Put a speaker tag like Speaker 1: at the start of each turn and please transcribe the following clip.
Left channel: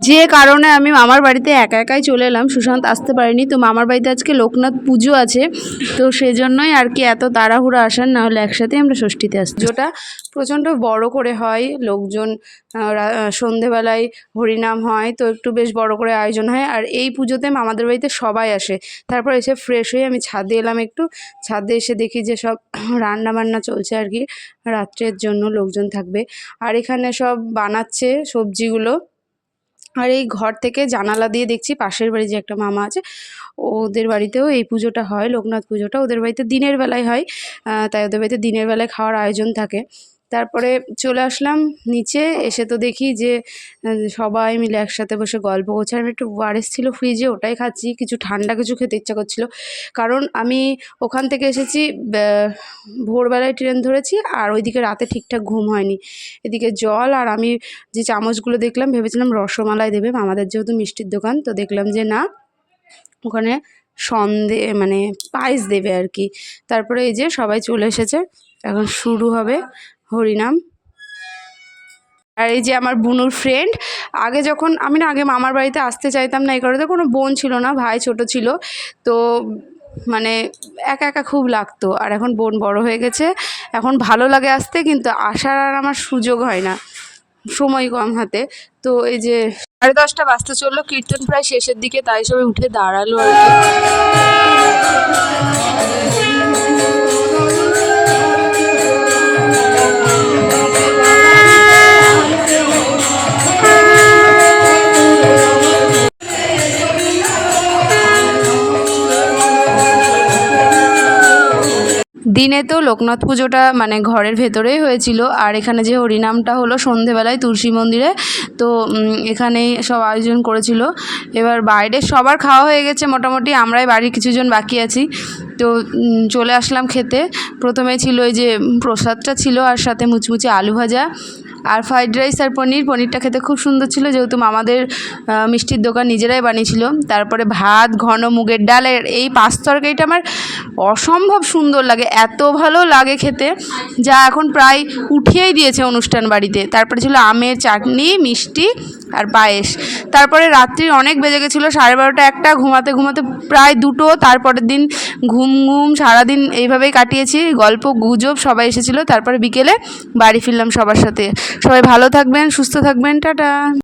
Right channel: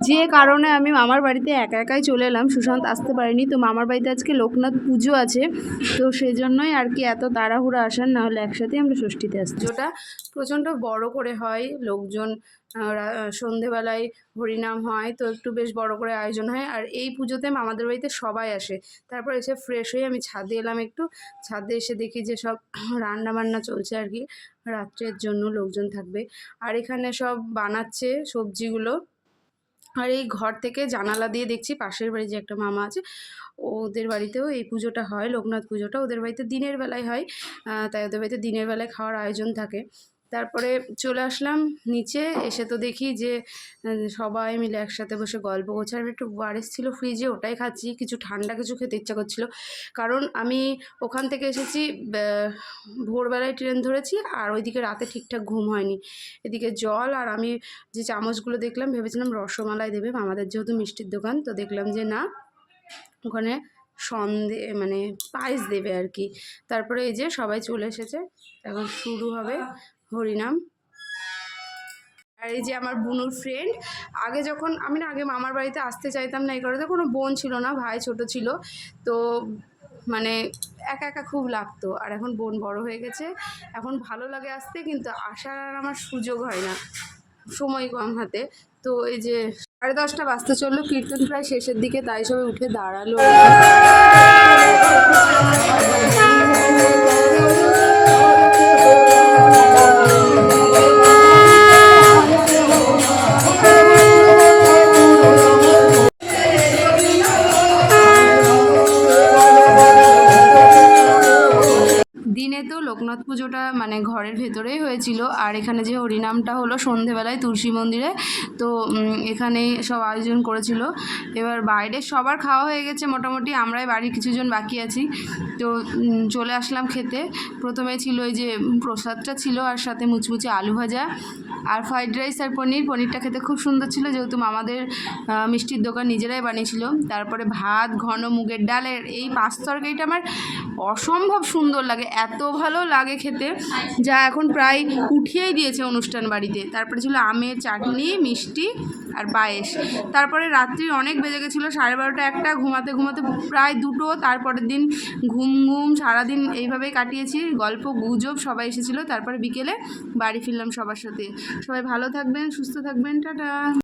Speaker 1: যে কারণে আমি মামার বাড়িতে একা একাই চলে এলাম, সুশান্ত আসতে পারেনি। তো মামার বাড়িতে আজকে লোকনাথ পুজো আছে, তো সেজন্যই আর কি এত তাড়াহুড়ো আসার, না হলে একসাথে আমরা ষষ্ঠীতে আসি পুজোটা প্রচণ্ড বড় করে হয়, লোকজন সন্ধেবেলায় হরিনাম হয়, তো একটু বেশ বড় করে আয়োজন হয়। আর এই পুজোতে মামাদের বাড়িতে সবাই আসে। তারপর এসে ফ্রেশ হয়ে আমি ছাদে এলাম একটু। ছাদে এসে দেখি যে সব রান্না বান্না চলছে আর কি। রাত্রের জন্য লোকজন থাকবে। আর এখানে সব বানাচ্ছে সবজিগুলো। আর এই ঘর থেকে জানালা দিয়ে দেখছি পাশের বাড়ি যে একটা মামা আছে, ওদের বাড়িতেও এই পুজোটা হয়, লোকনাথ পুজোটা। ওদের বাড়িতে দিনের বেলায় হয় তাই ওদের বাড়িতে দিনের বেলায় খাওয়ার আয়োজন থাকে। তারপরে চলে আসলাম নিচে, এসে তো দেখি যে সবাই মিলে একসাথে বসে গল্প করছে। আমি একটু ওয়ারেস ছিল ফ্রিজে, ওটাই খাচ্ছি, কিছু ঠান্ডা কিছু খেতে ইচ্ছা করছিল। কারণ আমি ওখান থেকে এসেছি ভোরবেলায় ট্রেন ধরেছি, আর ওইদিকে রাতে ঠিকঠাক ঘুম হয়নি। এদিকে জল আর আমি যে চামচগুলো দেখলাম, ভেবেছিলাম রসমালাই দেবে, আমাদের যেহেতু মিষ্টির দোকান, তো দেখলাম যে না, ওখানে সন্দে মানে পায়েস দেবে আর কি। তারপরে এই যে সবাই চলে এসেছে, এখন শুরু হবে হরিনাম। আর এই যে আমার বুনুর ফ্রেন্ড আগে যখন আমি না, আগে মামার বাড়িতে আসতে চাইতাম না, এই কারণে কোনো বোন ছিল না, ভাই ছোট ছিল। তো মানে একা একা খুব লাগতো। আর এখন বোন বড় হয়ে গেছে। এখন ভালো লাগে আসতে, কিন্তু আসার আর আমার সুযোগ হয় না। সময় কম হাতে। তো এই যে সাড়ে দশটা বাজতে চলল, কীর্তন প্রায় শেষের দিকে, তাই সবাই উঠে দাঁড়াল আর দিনে তো লোকনাথ পুজোটা মানে ঘরের ভেতরেই হয়েছিল। আর এখানে যে হরিনামটা হলো সন্ধেবেলায় তুলসী মন্দিরে, তো এখানেই সব আয়োজন করেছিল। এবার বাইরে সবার খাওয়া হয়ে গেছে মোটামুটি, আমরাই বাড়ির কিছুজন বাকি আছি। তো চলে আসলাম খেতে। প্রথমে ছিল ওই যে প্রসাদটা ছিল আর সাথে মুচমুচে আলু ভাজা আর ফ্রাইড রাইস আর পনির। পনিরটা খেতে খুব সুন্দর ছিল, যেহেতু আমাদের মিষ্টির দোকান নিজেরাই বানিয়েছিল। তারপরে ভাত, ঘন মুগের ডাল এই পাঁচ তরকারিটা আমার অসম্ভব সুন্দর লাগে, এত ভালো লাগে খেতে, যা এখন প্রায় উঠিয়েই দিয়েছে অনুষ্ঠান বাড়িতে। তারপরে ছিল আমের চাটনি, মিষ্টি আর পায়েস। তারপরে রাত্রি অনেক বেজে গেছিল, সাড়ে বারোটা একটা, ঘুমাতে ঘুমাতে প্রায় দুটো, তারপরের দিন ঘুম ঘুম সারাদিন এইভাবেই কাটিয়েছি, গল্প, গুজব সবাই এসেছিল। তারপরে বিকেলে বাড়ি ফিরলাম সবার সাথে। সবাই ভালো থাকবেন, সুস্থ থাকবেন, টাটা।